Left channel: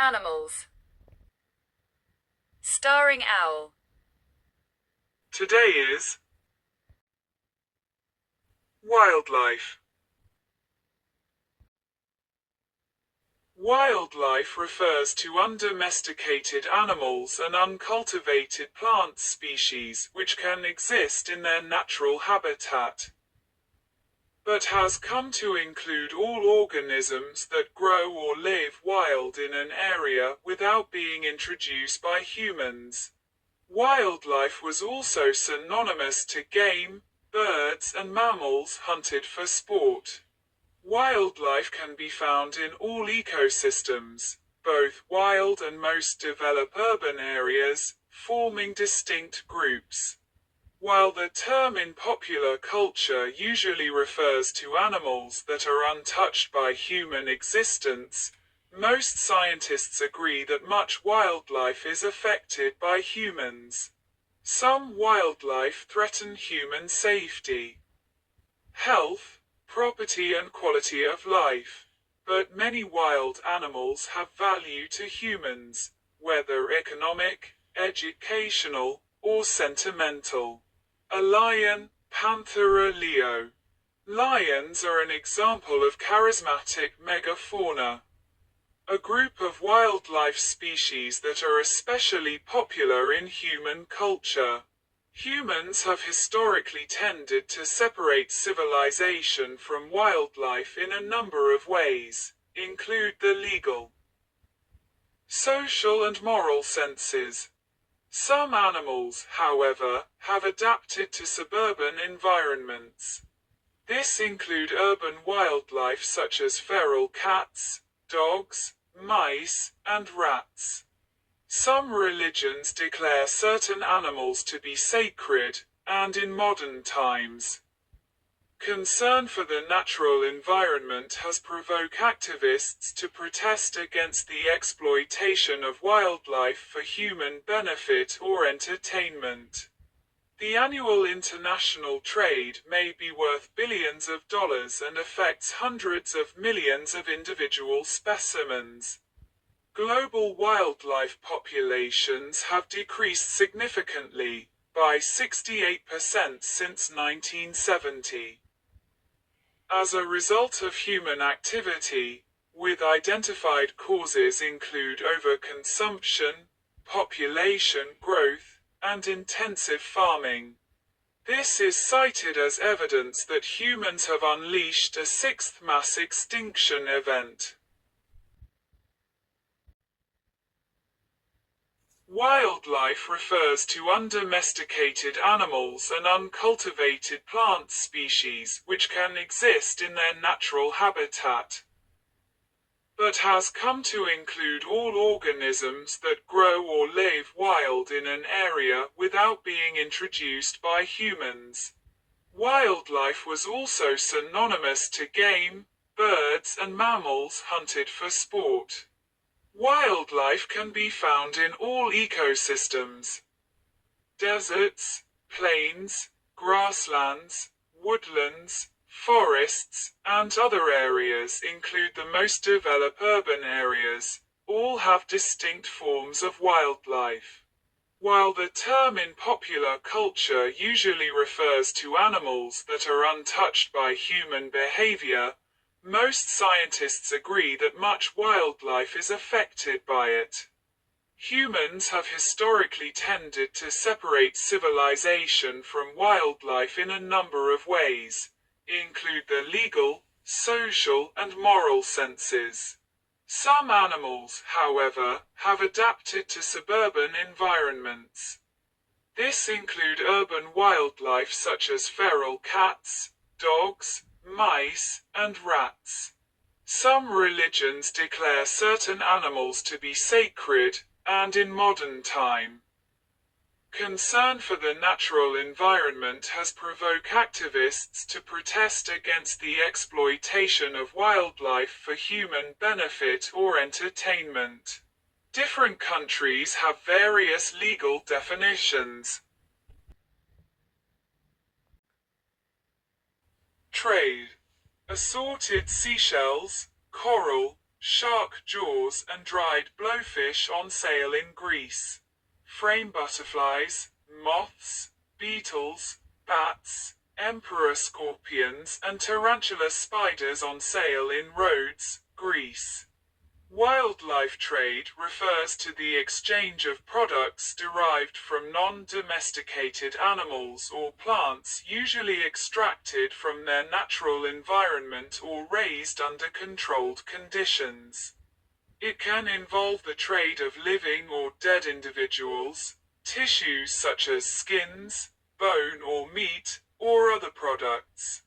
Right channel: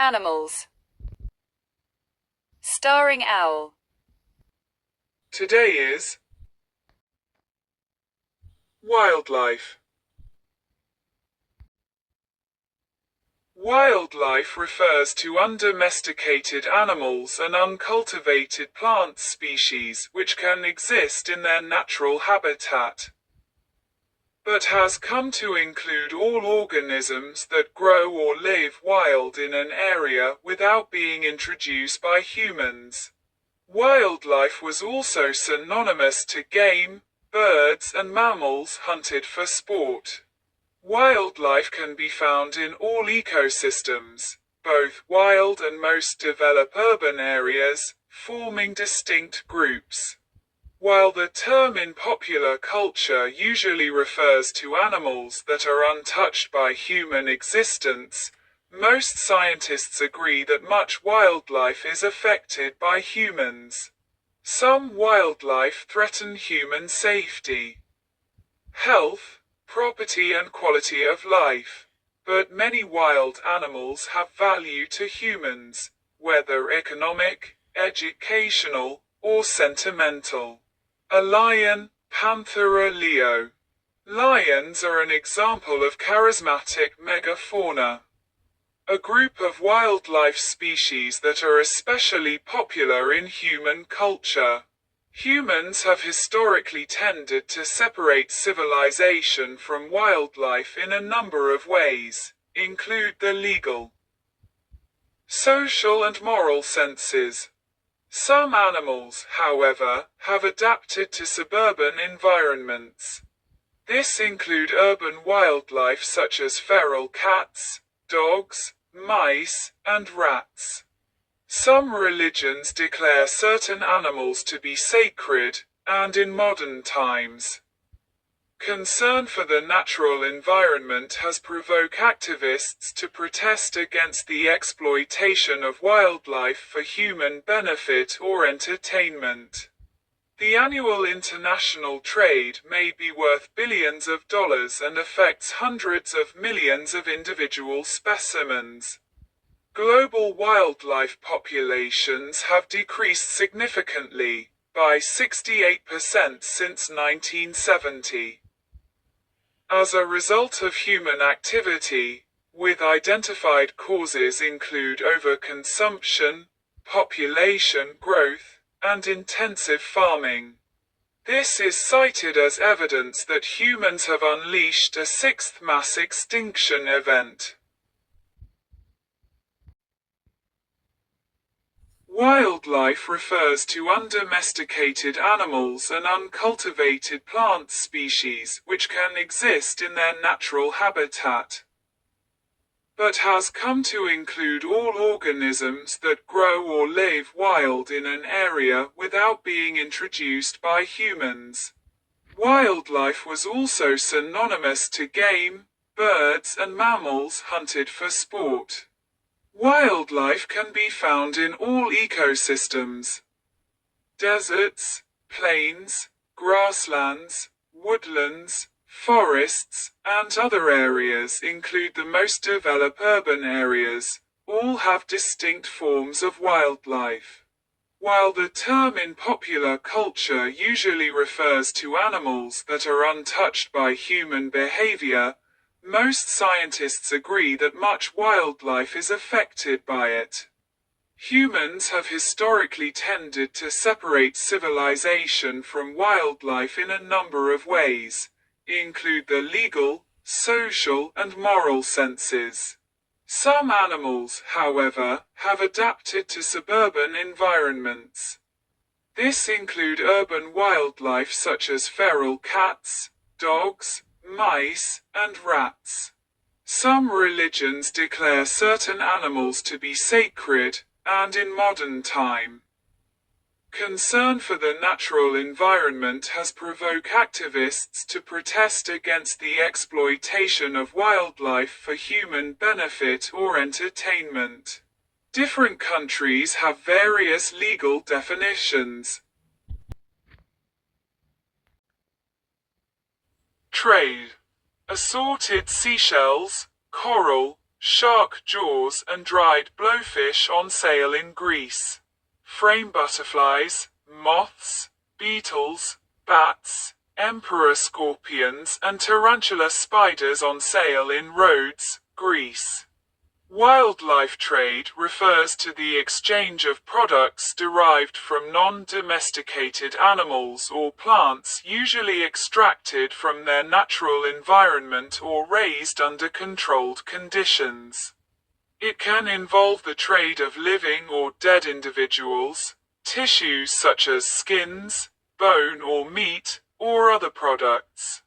Animals. Starring owl. Today is wildlife. Wildlife refers to undomesticated animals and uncultivated plant species which can exist in their natural habitat, but has come to include all organisms that grow or live wild in an area without being introduced by humans. Wildlife was also synonymous to game, birds and mammals hunted for sport. Wildlife can be found in all ecosystems, both wild and most developed urban areas, forming distinct groups. While the term in popular culture usually refers to animals that are untouched by human existence, most scientists agree that much wildlife is affected by humans. Some wildlife threaten human safety, health, property and quality of life. But many wild animals have value to humans, whether economic, educational, or sentimental. A lion, Panthera leo. Lions are an example of charismatic megafauna, a group of wildlife species that are especially popular in human culture. Humans have historically tended to separate civilization from wildlife in a number of ways, include the legal, social and moral senses. Some animals, however, have adapted to suburban environments. This include urban wildlife such as feral cats, dogs, mice, and rats. Some religions declare certain animals to be sacred, and in modern times, concern for the natural environment has provoked activists to protest against the exploitation of wildlife for human benefit or entertainment. The annual international trade may be worth billions of dollars and affects hundreds of millions of individual specimens. Global wildlife populations have decreased significantly, by 68% since 1970. As a result of human activity, with identified causes include overconsumption, population growth, and intensive farming. This is cited as evidence that humans have unleashed a sixth mass extinction event. Wildlife refers to undomesticated animals and uncultivated plant species which can exist in their natural habitat, but has come to include all organisms that grow or live wild in an area without being introduced by humans. Wildlife was also synonymous to game, birds and mammals hunted for sport. Wildlife can be found in all ecosystems. Deserts, plains, grasslands, woodlands, forests, and other areas include the most developed urban areas, all have distinct forms of wildlife. While the term in popular culture usually refers to animals that are untouched by human behavior, most scientists agree that much wildlife is affected by it. Humans have historically tended to separate civilization from wildlife in a number of ways, include the legal, social, and moral senses. Some animals, however, have adapted to suburban environments. This include urban wildlife such as feral cats, dogs, mice, and rats. Some religions declare certain animals to be sacred, and in modern time, concern for the natural environment has provoked activists to protest against the exploitation of wildlife for human benefit or entertainment. Different countries have various legal definitions. Trade. Assorted seashells, coral, shark jaws and dried blowfish on sale in Greece. Frame butterflies, moths, beetles, bats, emperor scorpions and tarantula spiders on sale in Rhodes, Greece. Wildlife trade refers to the exchange of products derived from non-domesticated animals or plants usually extracted from their natural environment or raised under controlled conditions. It can involve the trade of living or dead individuals, tissues such as skins, bone or meat, or other products.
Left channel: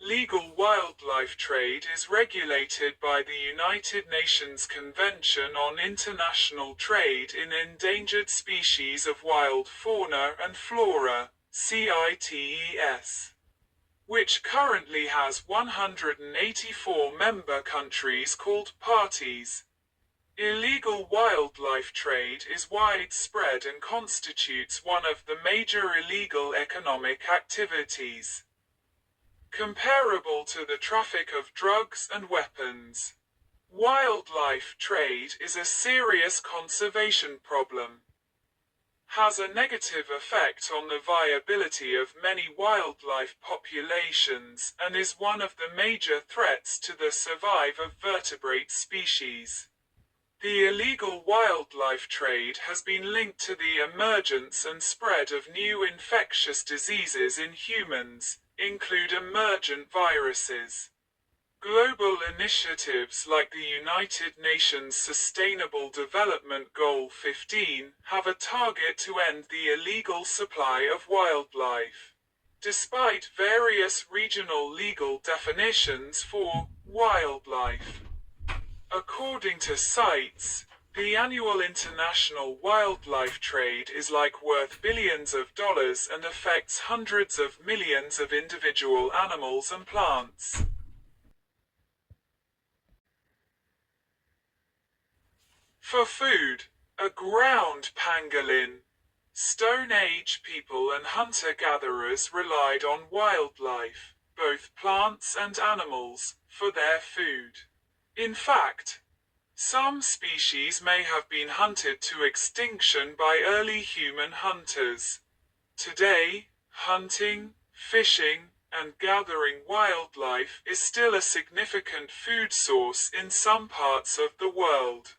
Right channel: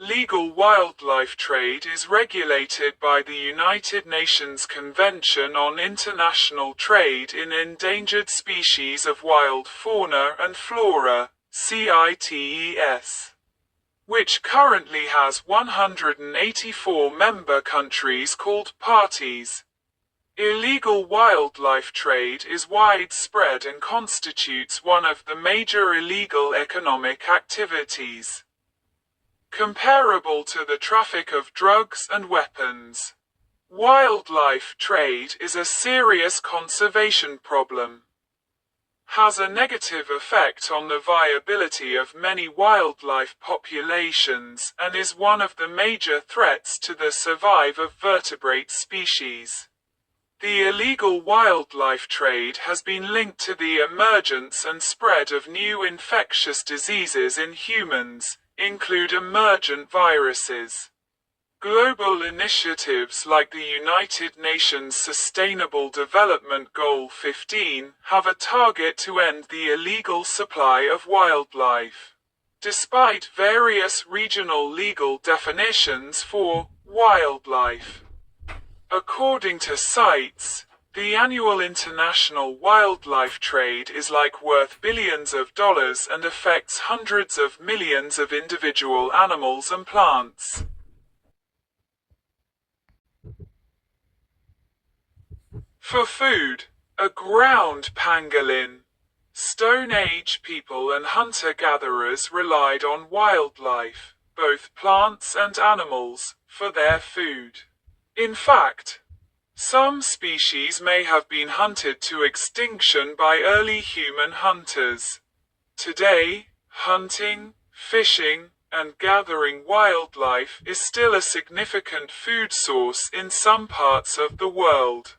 Legal wildlife trade is regulated by the United Nations Convention on International Trade in Endangered Species of Wild Fauna and Flora, CITES, which currently has 184 member countries called parties. Illegal wildlife trade is widespread and constitutes one of the major illegal economic activities, comparable to the traffic of drugs and weapons. Wildlife trade is a serious conservation problem, has a negative effect on the viability of many wildlife populations, and is one of the major threats to the survival of vertebrate species. The illegal wildlife trade has been linked to the emergence and spread of new infectious diseases in humans, include emergent viruses. Global initiatives like the United Nations Sustainable Development Goal 15 have a target to end the illegal supply of wildlife. Despite various regional legal definitions for wildlife, according to CITES, the annual international wildlife trade is like worth billions of dollars and affects hundreds of millions of individual animals and plants. For food, a ground pangolin. Stone Age people and hunter-gatherers relied on wildlife, both plants and animals, for their food. In fact, some species may have been hunted to extinction by early human hunters. Today, hunting, fishing, and gathering wildlife is still a significant food source in some parts of the world.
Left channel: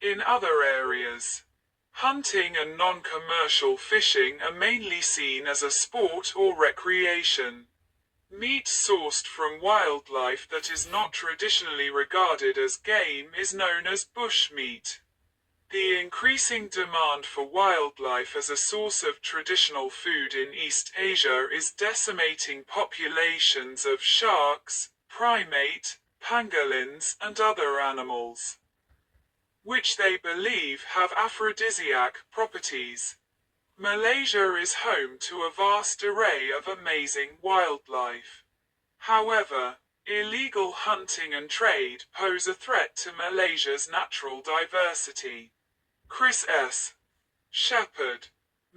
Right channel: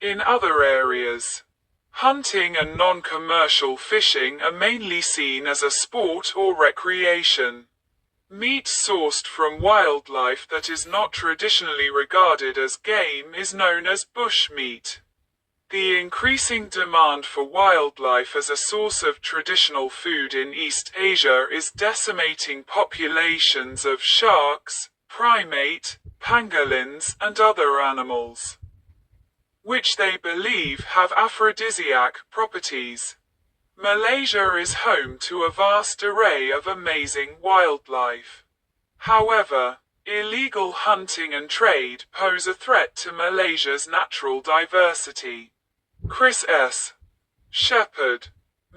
In other areas, hunting and non-commercial fishing are mainly seen as a sport or recreation. Meat sourced from wildlife that is not traditionally regarded as game is known as bushmeat. The increasing demand for wildlife as a source of traditional food in East Asia is decimating populations of sharks, primate, pangolins, and other animals, which they believe have aphrodisiac properties. Malaysia is home to a vast array of amazing wildlife. However, illegal hunting and trade pose a threat to Malaysia's natural diversity. Chris S. Shepherd.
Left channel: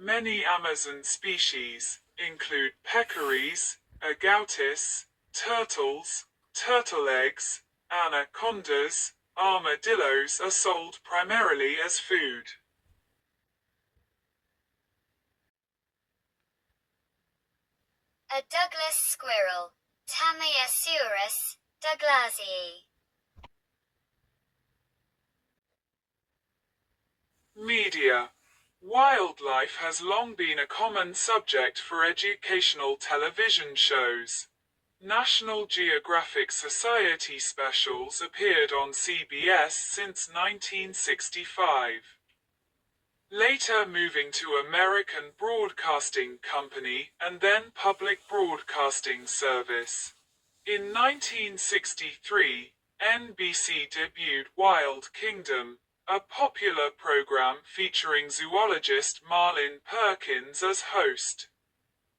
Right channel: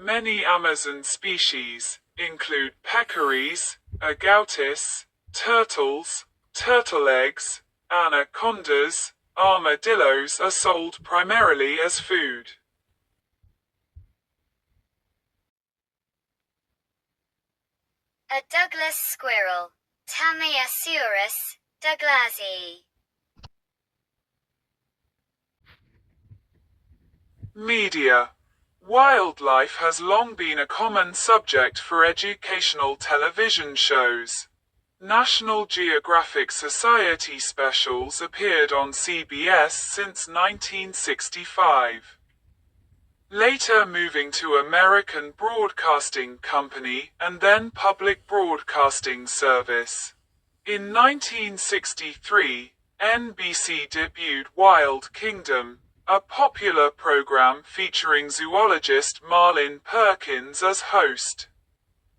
Many Amazon species include peccaries, agoutis, turtles, turtle eggs, anacondas, armadillos are sold primarily as food. A Douglas squirrel, Tamiasaurus douglasii. Media. Wildlife has long been a common subject for educational television shows. National Geographic Society specials appeared on CBS since 1965. Later moving to American Broadcasting Company and then Public Broadcasting Service. In 1963, NBC debuted Wild Kingdom, a popular program featuring zoologist Marlin Perkins as host.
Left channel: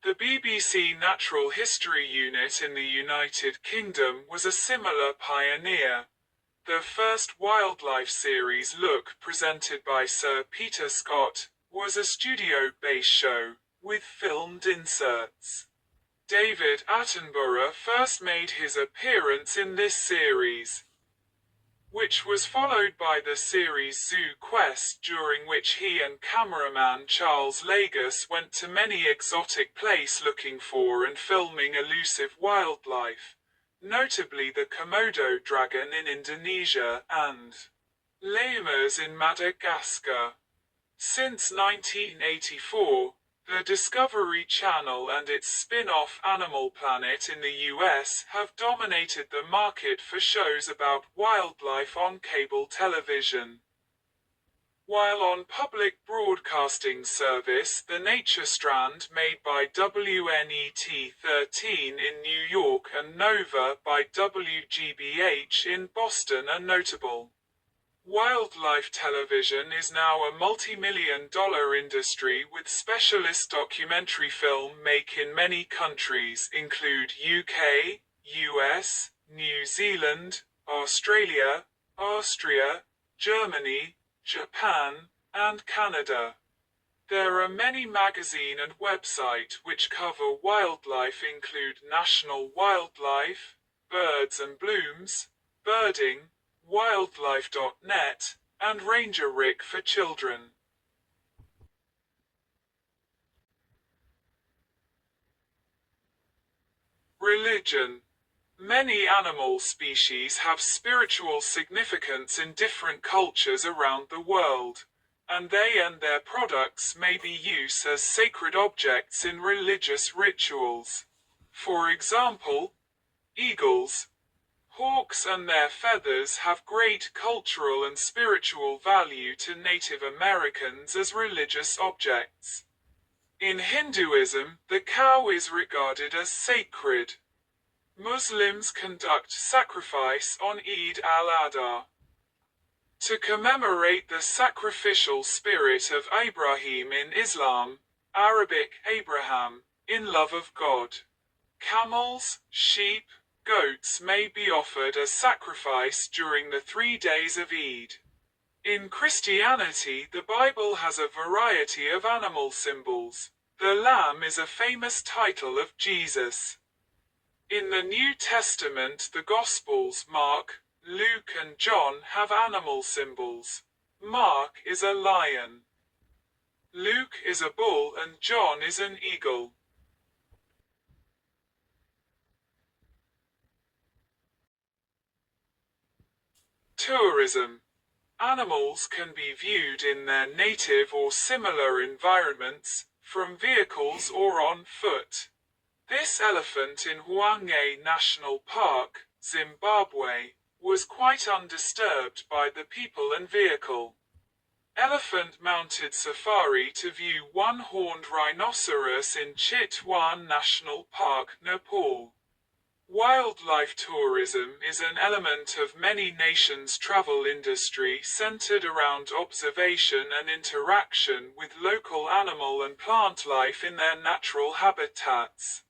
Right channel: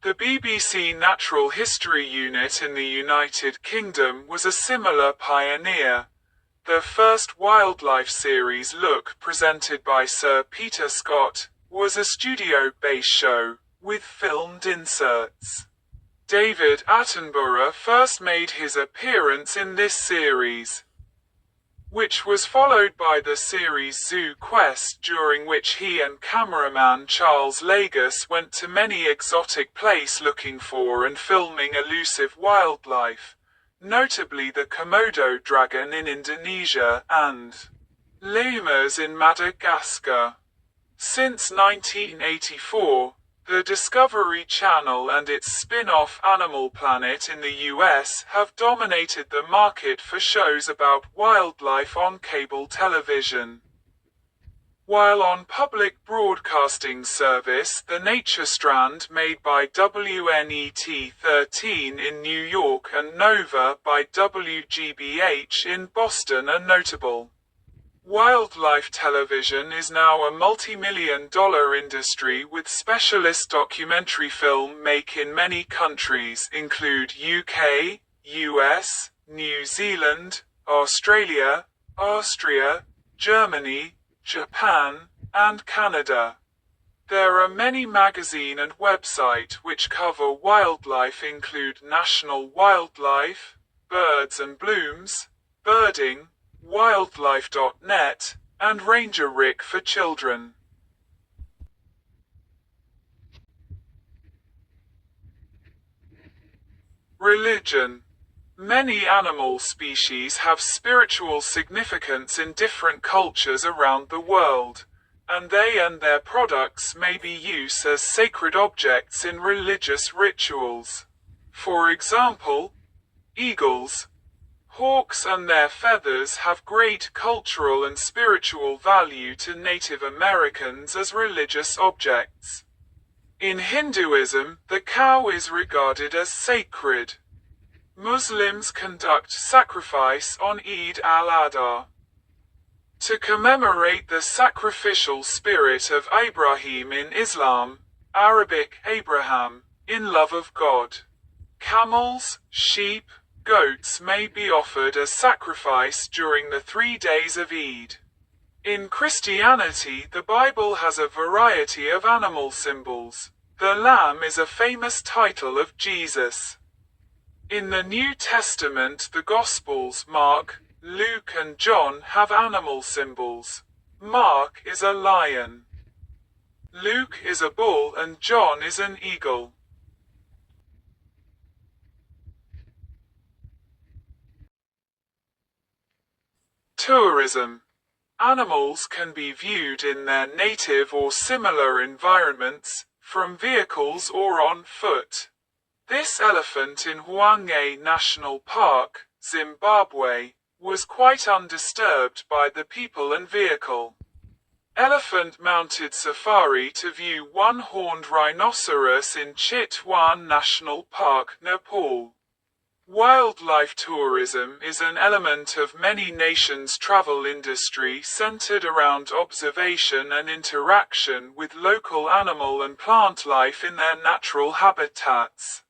The BBC Natural History Unit in the United Kingdom was a similar pioneer. The first wildlife series Look, presented by Sir Peter Scott, was a studio-based show, with filmed inserts. David Attenborough first made his appearance in this series. which was followed by the series Zoo Quest, during which he and cameraman Charles Lagos went to many exotic places looking for and filming elusive wildlife, notably the Komodo dragon in Indonesia and lemurs in Madagascar. Since 1984, the Discovery Channel and its spin-off Animal Planet in the US have dominated the market for shows about wildlife on cable television. While on public broadcasting service, the Nature Strand made by WNET 13 in New York and Nova by WGBH in Boston are notable. Wildlife television is now a multi-million-dollar industry, with specialist documentary film make in many countries include UK, US, New Zealand, Australia, Austria, Germany, Japan, and Canada. There are many magazine and website which cover wildlife include National Wildlife, Birds and Blooms, Birding, Wildlife.net, and Ranger Rick for children. Religion. Many animal species have spiritual significance in different cultures around the world, and they and their products may be used as sacred objects in religious rituals. For example, eagles, hawks and their feathers have great cultural and spiritual value to Native Americans as religious objects. In Hinduism, the cow is regarded as sacred. Muslims conduct sacrifice on Eid al-Adha to commemorate the sacrificial spirit of Abraham in Islam, Arabic Abraham, in love of God. Camels, sheep, goats may be offered as sacrifice during the 3 days of Eid. In Christianity, the Bible has a variety of animal symbols. The lamb is a famous title of Jesus. In the New Testament, the Gospels, Mark, Luke and John have animal symbols. Mark is a lion. Luke is a bull and John is an eagle. Tourism. Animals can be viewed in their native or similar environments, from vehicles or on foot. This elephant in Hwange National Park, Zimbabwe, was quite undisturbed by the people and vehicle. Elephant-mounted safari to view one-horned rhinoceros in Chitwan National Park, Nepal. Wildlife tourism is an element of many nations' travel industry centered around observation and interaction with local animal and plant life in their natural habitats.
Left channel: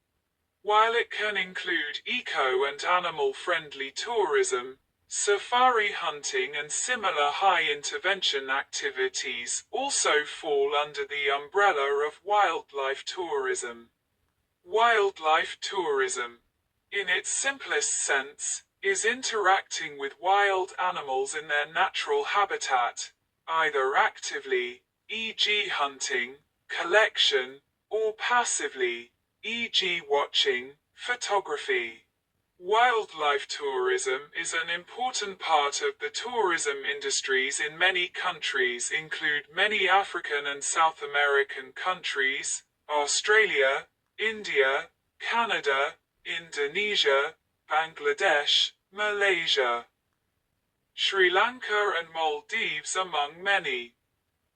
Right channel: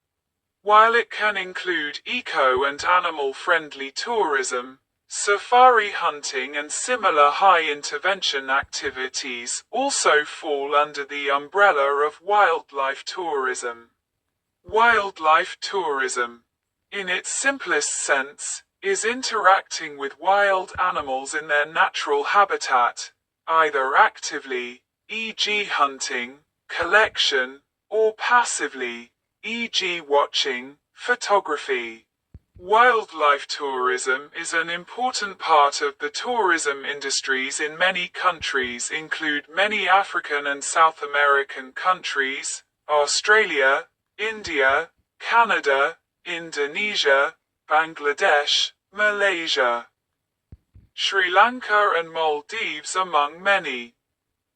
While it can include eco- and animal-friendly tourism, safari hunting and similar high-intervention activities also fall under the umbrella of wildlife tourism. Wildlife tourism, in its simplest sense, is interacting with wild animals in their natural habitat, either actively, e.g. hunting, collection, or passively, e.g. watching, photography. Wildlife tourism is an important part of the tourism industries in many countries, include many African and South American countries, Australia, India, Canada, Indonesia, Bangladesh, Malaysia, Sri Lanka and Maldives among many.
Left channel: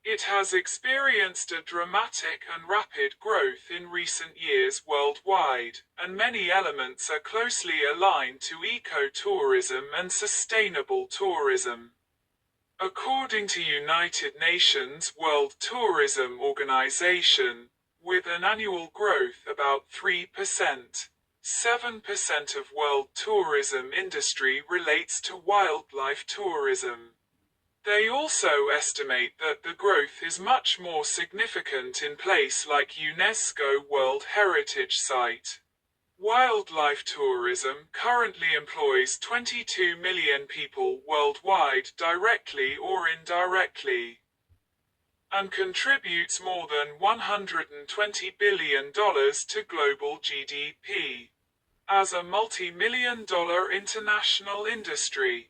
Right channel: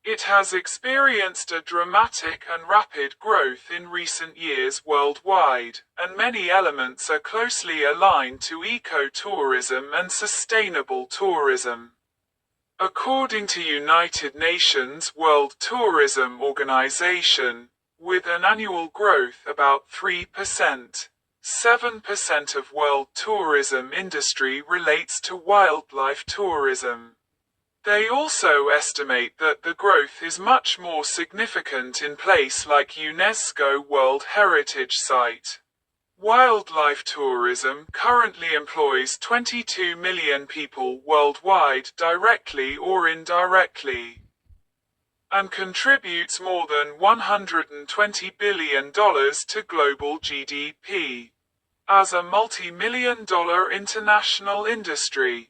It has experienced a dramatic and rapid growth in recent years worldwide, and many elements are closely aligned to eco-tourism and sustainable tourism. According to United Nations World Tourism Organization, with an annual growth about 3%, 7% of world tourism industry relates to wildlife tourism. They also estimate that the growth is much more significant in places like UNESCO World Heritage Site. Wildlife tourism currently employs 22 million people worldwide directly or indirectly, and contributes more than $120 billion to global GDP. As a multi-million-dollar international industry,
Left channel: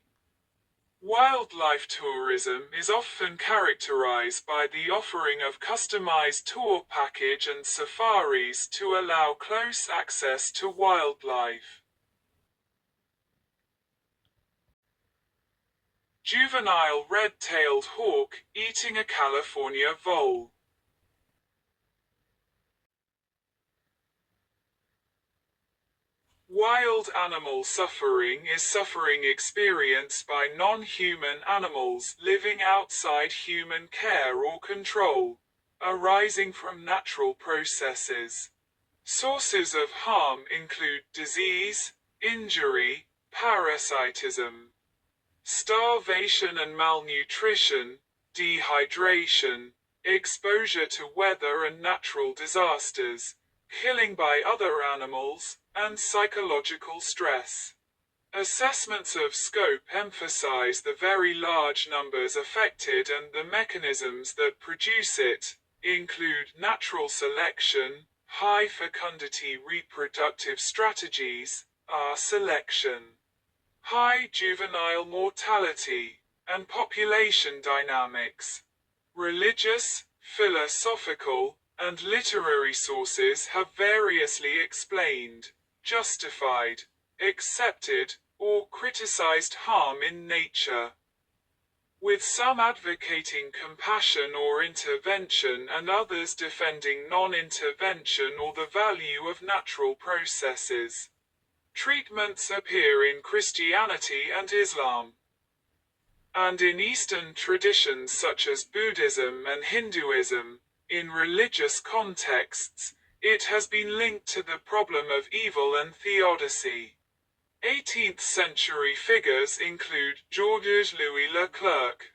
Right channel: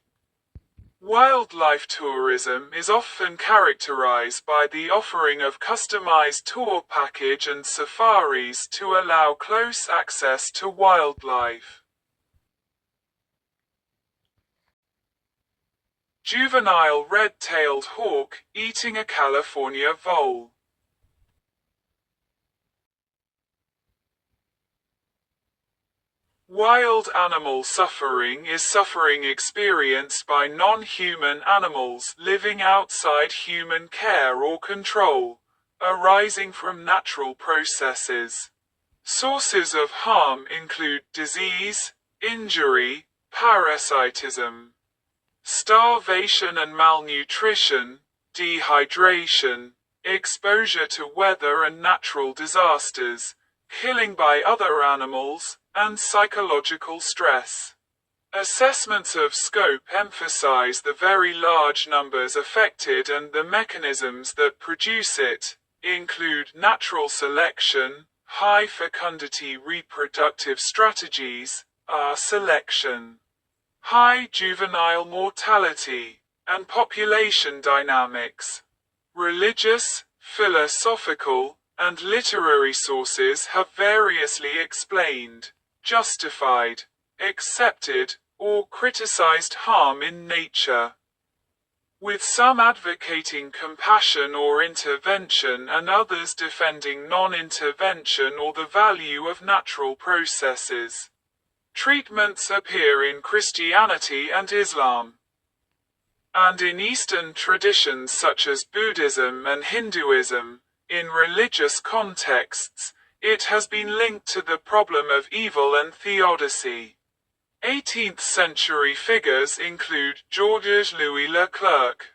wildlife tourism is often characterized by the offering of customized tour package and safaris to allow close access to wildlife. Juvenile red-tailed hawk eating a California vole. Wild animal suffering is suffering experienced by non-human animals living outside human care or control, arising from natural processes. Sources of harm include disease, injury, parasitism, starvation and malnutrition, dehydration, exposure to weather and natural disasters, killing by other animals, and psychological stress. Assessments of scope emphasize the very large numbers affected and the mechanisms that produce it, include natural selection, high fecundity reproductive strategies, selection, high juvenile mortality, and population dynamics. Religious, philosophical, and literary sources have variously explained, justified, accepted, or criticized harm in nature, with some advocating compassion or intervention and others defending non-intervention or the value of natural processes. Treatments appear in Christianity and Islam, and in Eastern traditions such as Buddhism and Hinduism. In religious contexts, it has been linked to the problem of evil and theodicy. 18th century figures include Georges Louis Leclerc,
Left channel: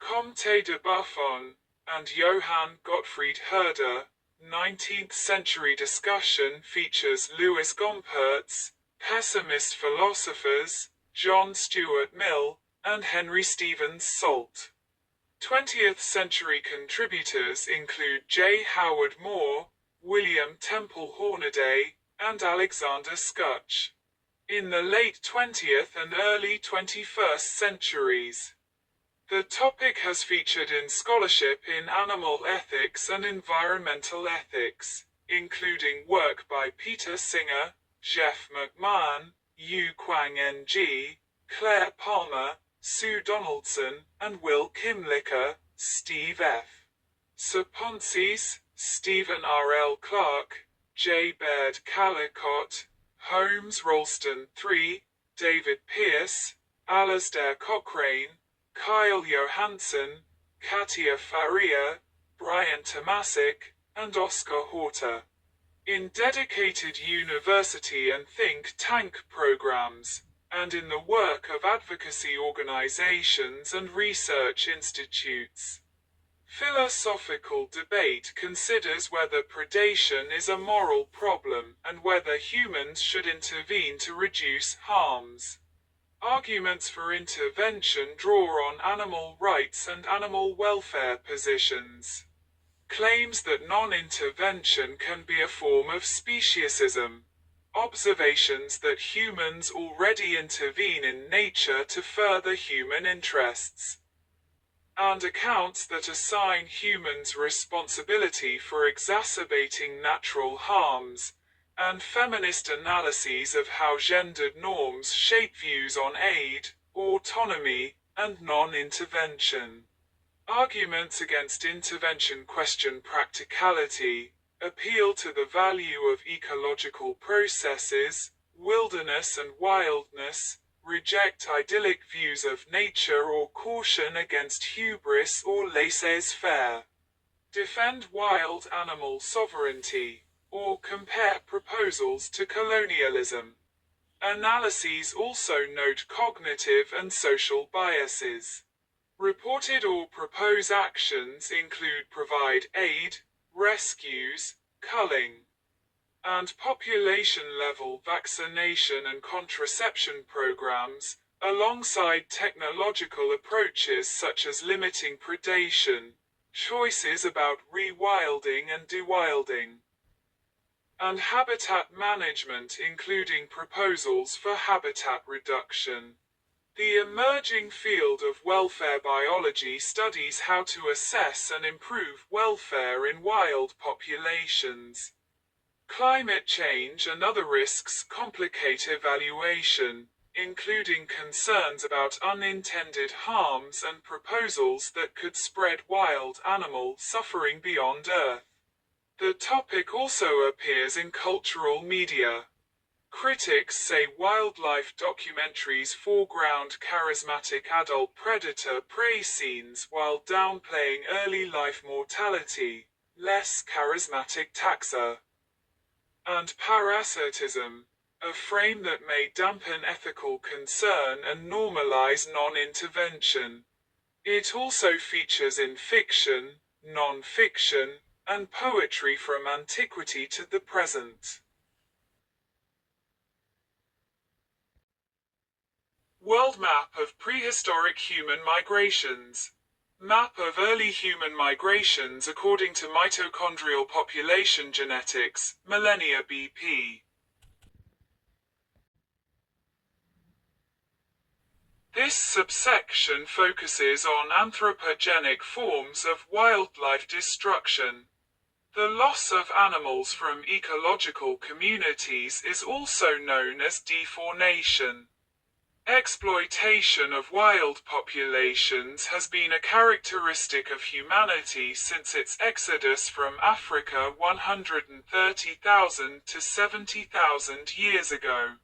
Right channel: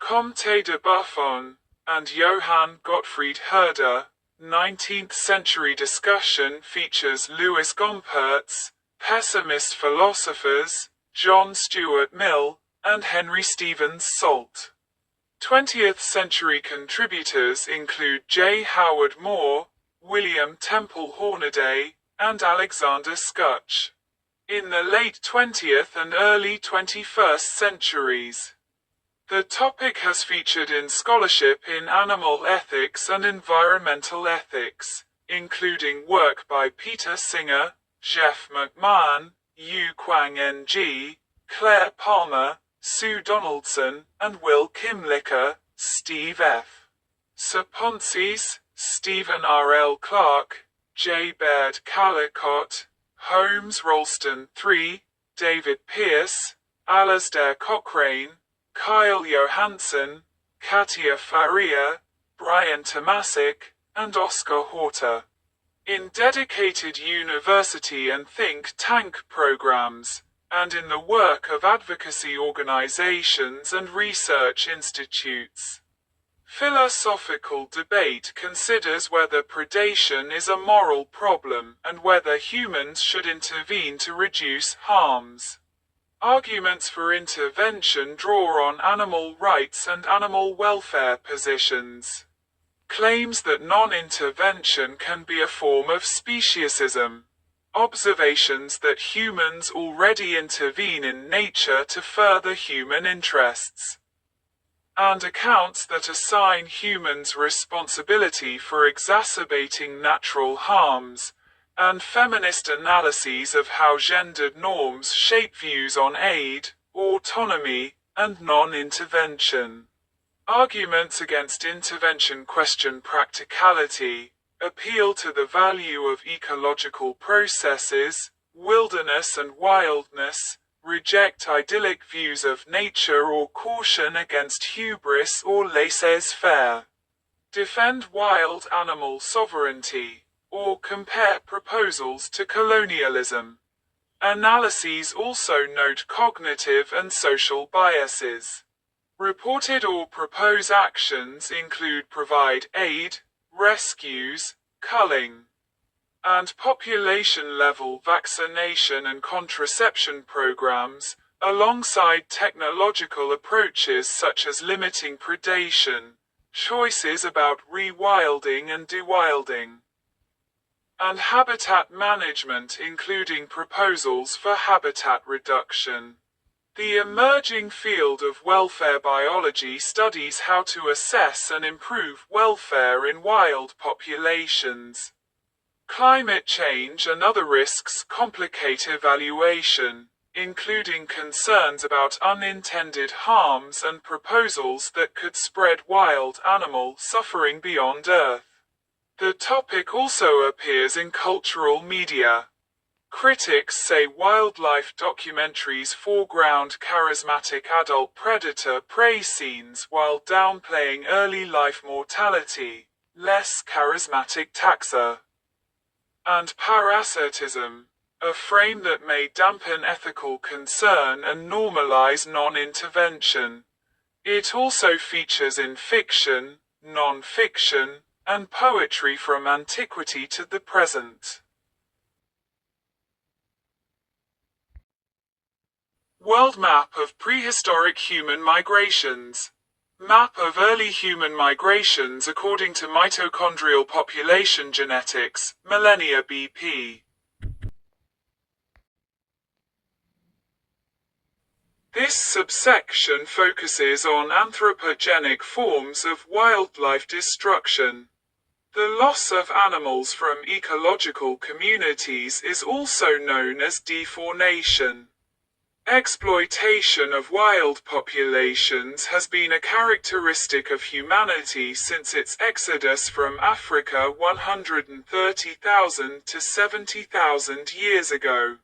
Comte de Buffon, and Johann Gottfried Herder. 19th century discussion features Louis Gompertz, pessimist philosophers, John Stuart Mill, and Henry Stevens Salt. 20th century contributors include J. Howard Moore, William Temple Hornaday, and Alexander Skutch. In the late 20th and early 21st centuries, the topic has featured in scholarship in animal ethics and environmental ethics, including work by Peter Singer, Jeff McMahon, Yu Kwang Ng, Claire Palmer, Sue Donaldson, and Will Kimlicka, Steve F. Saponsis, Stephen R. L. Clark, J. Baird Callicott, Holmes Rolston III, David Pierce, Alasdair Cochrane, Kyle Johansson, Katia Faria, Brian Tomasic, and Oscar Horta. In dedicated university and think tank programs, and in the work of advocacy organizations and research institutes. Philosophical debate considers whether predation is a moral problem and whether humans should intervene to reduce harms. Arguments for intervention draw on animal rights and animal welfare positions. Claims that non-intervention can be a form of speciesism. Observations that humans already intervene in nature to further human interests. And accounts that assign humans responsibility for exacerbating natural harms, and feminist analyses of how gendered norms shape views on aid, autonomy, and non-intervention. Arguments against intervention question practicality, appeal to the value of ecological processes, wilderness and wildness, reject idyllic views of nature or caution against hubris or laissez-faire, defend wild animal sovereignty, or compare proposals to colonialism. Analyses also note cognitive and social biases. Reported or proposed actions include provide aid, rescues, culling, and population-level vaccination and contraception programs, alongside technological approaches such as limiting predation, choices about rewilding and dewilding, and habitat management, including proposals for habitat reduction. The emerging field of welfare biology studies how to assess and improve welfare in wild populations. Climate change and other risks complicate evaluation, including concerns about unintended harms and proposals that could spread wild animal suffering beyond Earth. The topic also appears in cultural media. Critics say wildlife documentaries foreground charismatic adult predator-prey scenes while downplaying early life mortality, less charismatic taxa, and parasitism, a frame that may dampen ethical concern and normalize non-intervention. It also features in fiction, non-fiction, and poetry from antiquity to the present. World map of prehistoric human migrations. Map of early human migrations according to mitochondrial population genetics, millennia BP. This subsection focuses on anthropogenic forms of wildlife destruction. The loss of animals from ecological communities is also known as defaunation. Exploitation of wild populations has been a characteristic of humanity since its exodus from Africa 130,000 to 70,000 years ago.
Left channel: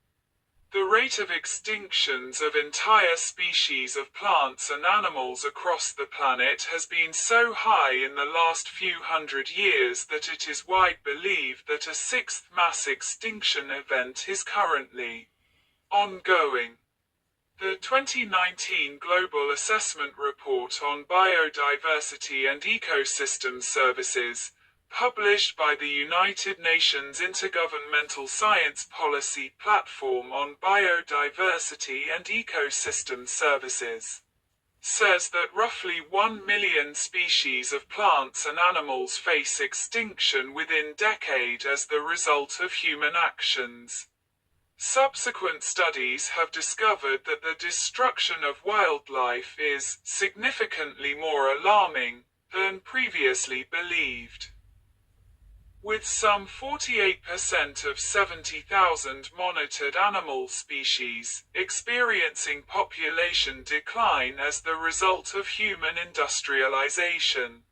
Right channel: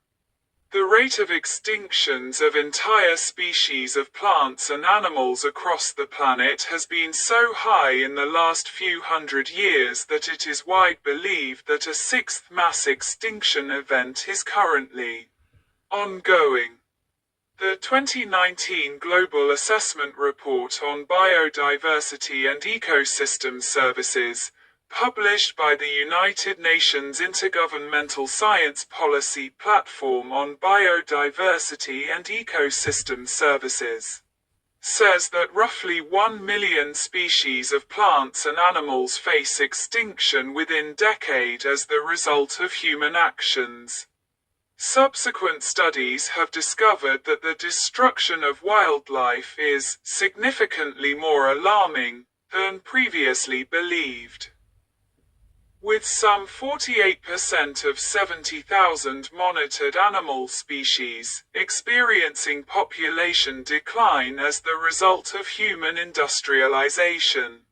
The rate of extinctions of entire species of plants and animals across the planet has been so high in the last few hundred years that it is widely believed that a sixth mass extinction event is currently ongoing. The 2019 Global Assessment Report on Biodiversity and Ecosystem Services, published by the United Nations Intergovernmental Science Policy Platform on Biodiversity and Ecosystem Services, says that roughly 1 million species of plants and animals face extinction within decade as the result of human actions. Subsequent studies have discovered that the destruction of wildlife is significantly more alarming than previously believed. With some 48% of 70,000 monitored animal species experiencing population decline as the result of human industrialization.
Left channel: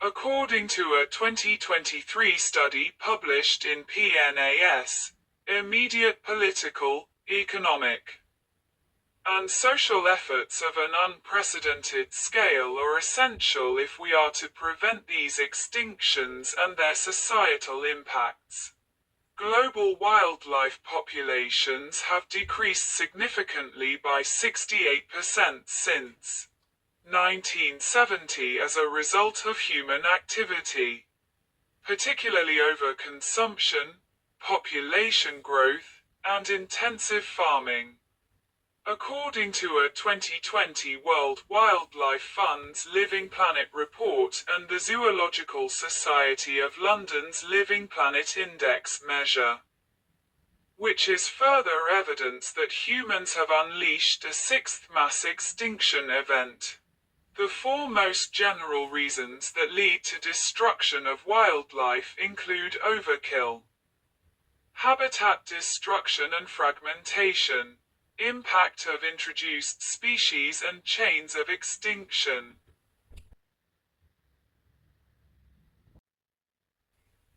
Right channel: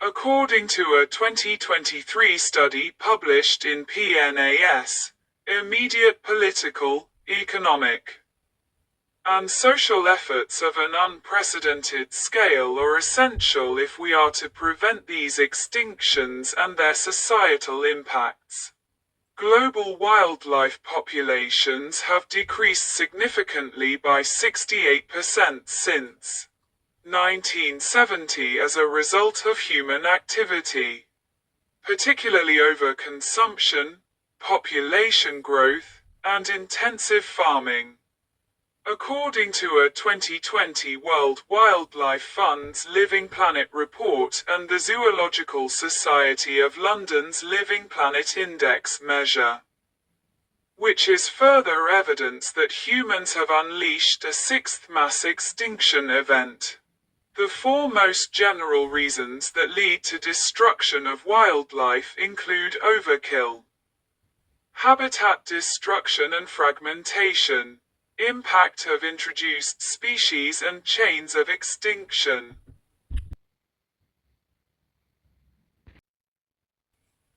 According to a 2023 study published in PNAS, immediate political, economic, and social efforts of an unprecedented scale are essential if we are to prevent these extinctions and their societal impacts. Global wildlife populations have decreased significantly by 68% since 1970 as a result of human activity, particularly overconsumption, population growth, and intensive farming. According to a 2020 World Wildlife Fund's Living Planet report and the Zoological Society of London's Living Planet Index measure, which is further evidence that humans have unleashed a sixth mass extinction event. The four most general reasons that lead to destruction of wildlife include overkill, habitat destruction and fragmentation, impact of introduced species and chains of extinction.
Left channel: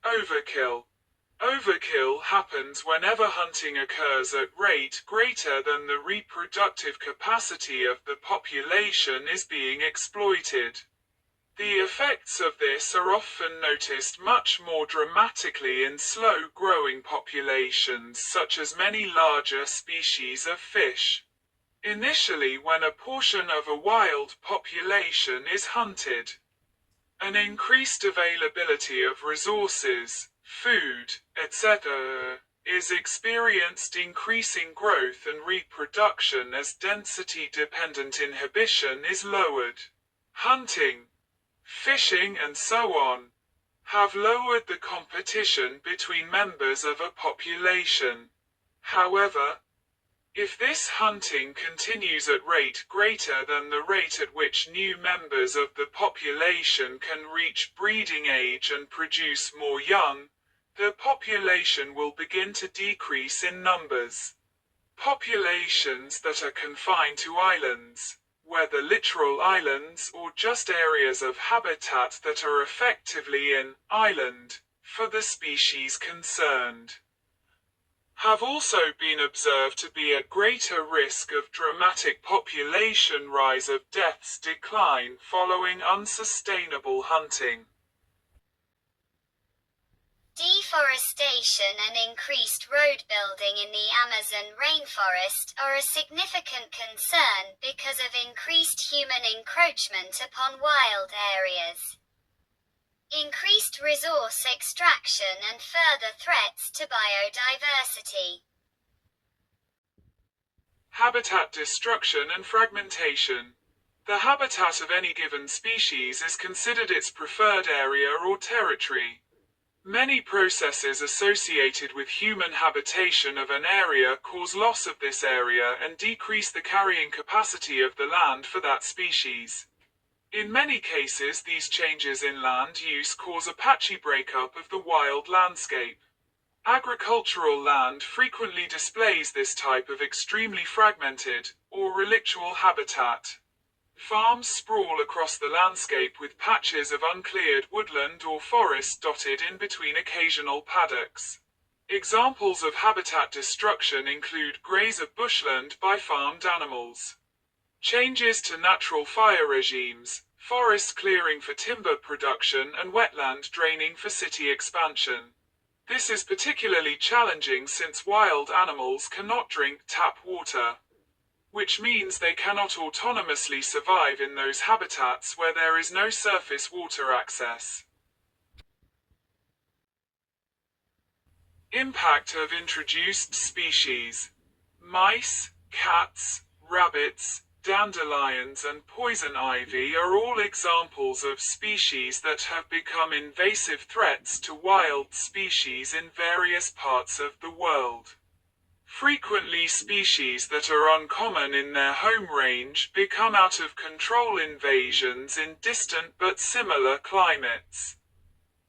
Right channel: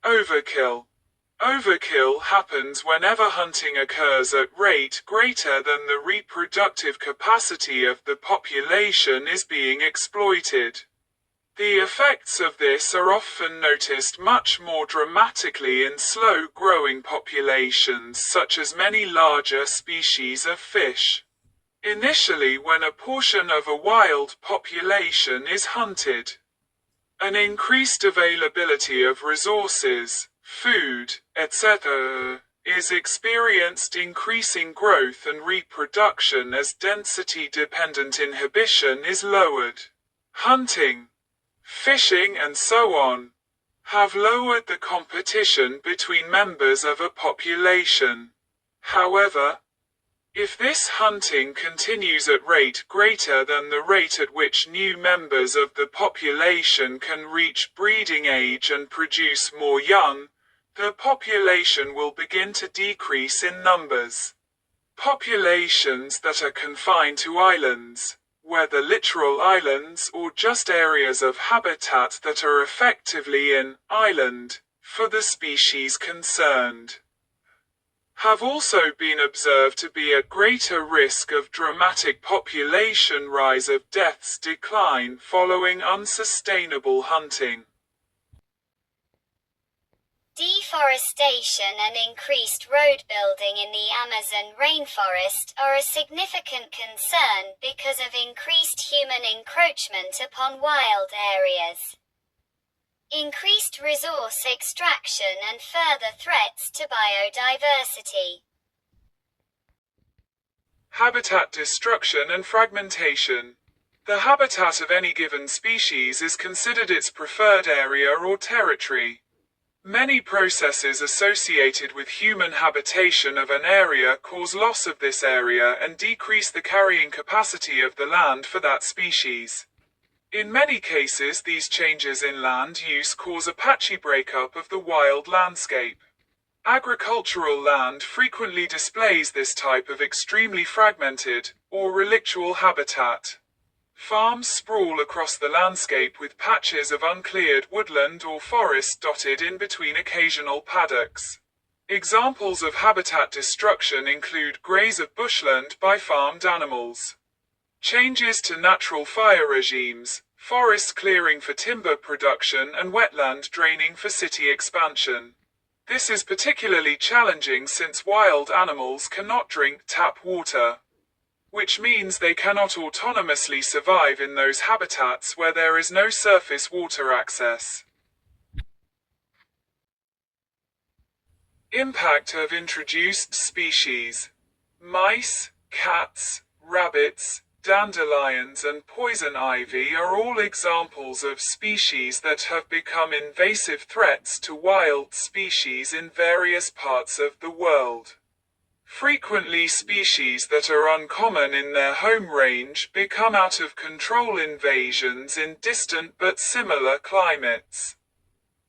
Overkill. Overkill happens whenever hunting occurs at rate greater than the reproductive capacity of the population is being exploited. The effects of this are often noticed much more dramatically in slow-growing populations such as many larger species of fish. Initially, when a portion of a wild population is hunted, an increased availability of resources, food, etc., is experienced increasing growth and reproduction as density-dependent inhibition is lowered. Hunting, fishing and so on have lowered the competition between members of a population. However, if this hunting continues at rate greater than the rate at which new members of the population can reach breeding age and produce more young, the population will begin to decrease in numbers. Populations that are confined to islands, whether literal islands or just areas of habitat that are effectively an island for the species concerned, have also been observed to be at greater risk of dramatic population rise of deaths decline following unsustainable hunting. Deforestation and increased road building in the Amazon rainforest are a significant concern because of increased human encroachment upon wild areas. Increased resource extraction and further threats to biodiversity. Habitat destruction and fragmentation. The habitat of any given species is considered its preferred area or territory. Many processes associated with human habitation of an area cause loss of this area and decrease the carrying capacity of the land for that species. In many cases, these changes in land use cause a patchy breakup of the wild landscape. Agricultural land frequently displays this type of extremely fragmented, or relictual habitat. Farms sprawl across the landscape with patches of uncleared woodland or forest dotted in between occasional paddocks. Examples of habitat destruction include graze of bushland by farmed animals, changes to natural fire regimes, forest clearing for timber production and wetland draining for city expansion. This is particularly challenging since wild animals cannot drink tap water, which means they cannot autonomously survive in those habitats where there is no surface water access. Impact of introduced species. Mice, cats, rabbits, dandelions and poison ivy are all examples of species that have become invasive threats to wild species in various parts of the world. Frequently, species that are uncommon in their home range become out of control invasions in distant but similar climates.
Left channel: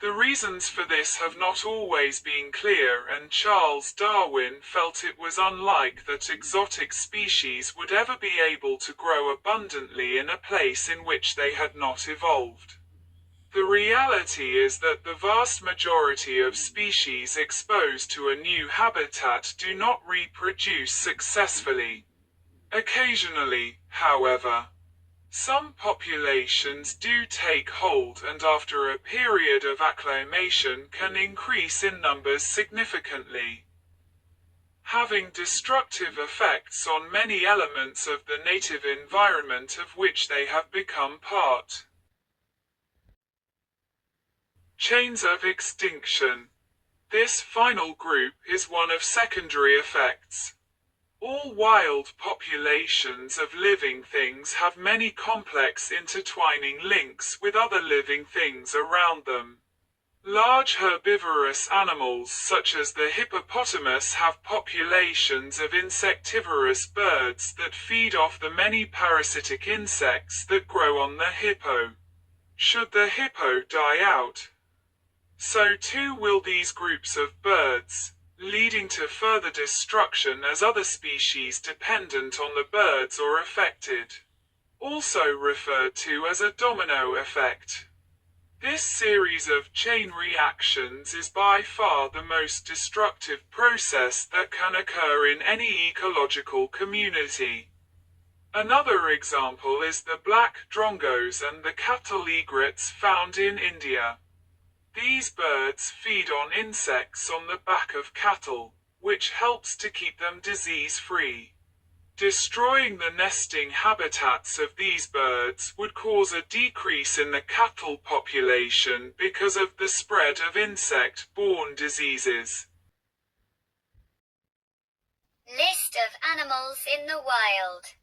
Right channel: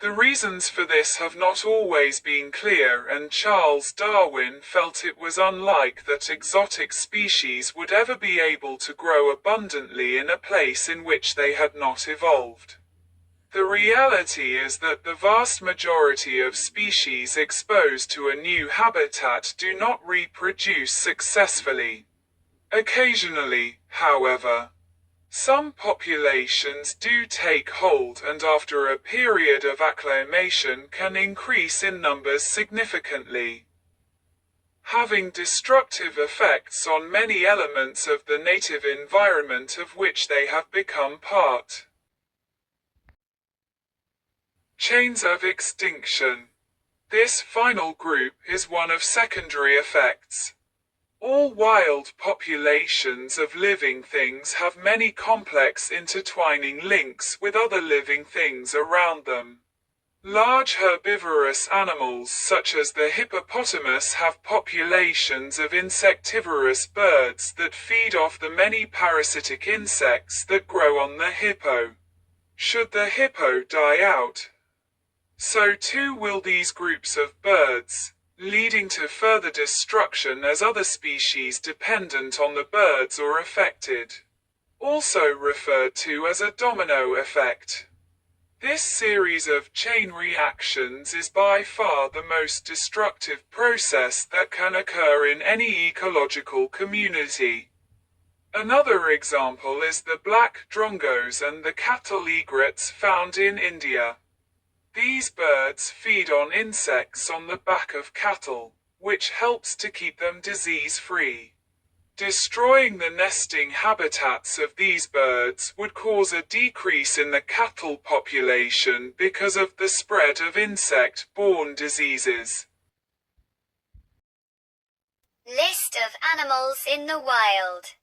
The reasons for this have not always been clear, and Charles Darwin felt it was unlikely that exotic species would ever be able to grow abundantly in a place in which they had not evolved. The reality is that the vast majority of species exposed to a new habitat do not reproduce successfully. Occasionally, however, some populations do take hold and after a period of acclimation can increase in numbers significantly, having destructive effects on many elements of the native environment of which they have become part. Chains of extinction. This final group is one of secondary effects. All wild populations of living things have many complex intertwining links with other living things around them. Large herbivorous animals such as the hippopotamus have populations of insectivorous birds that feed off the many parasitic insects that grow on the hippo. Should the hippo die out, so too will these groups of birds, leading to further destruction as other species dependent on the birds are affected. Also referred to as a domino effect. This series of chain reactions is by far the most destructive process that can occur in any ecological community. Another example is the black drongos and the cattle egrets found in India. These birds feed on insects on the back of cattle, which helps to keep them disease-free. Destroying the nesting habitats of these birds would cause a decrease in the cattle population because of the spread of insect-borne diseases. List of animals in the wild.